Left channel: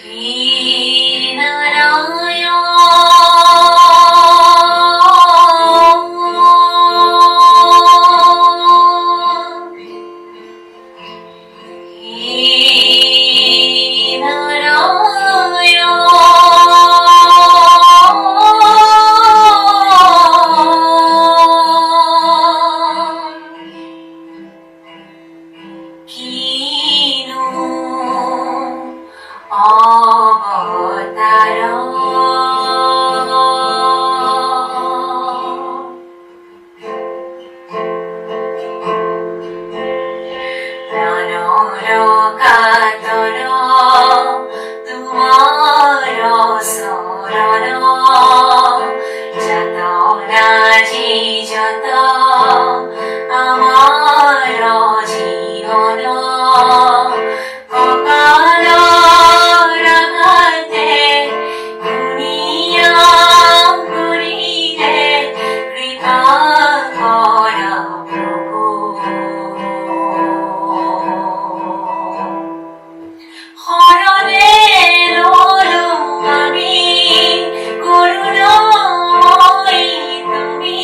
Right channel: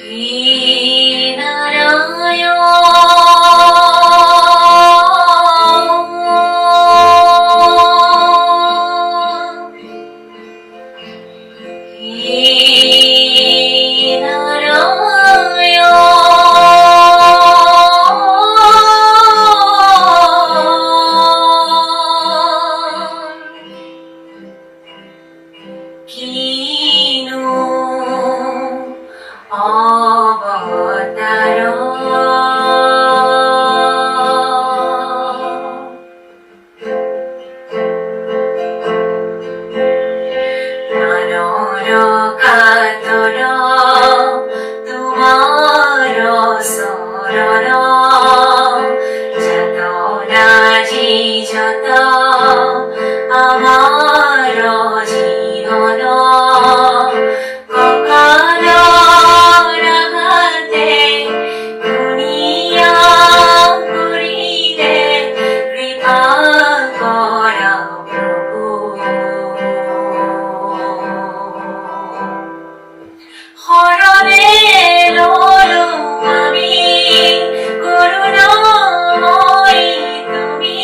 Shri Narayan, Shri Narayan, Kino Avatara Ranara Tumara Sarana Jatana Ji Jata Amara Jivana Kakala Rahate Duniya Guride Kripa Kora Prabhu হরণে রলো আমি করুণাময়ী তুমি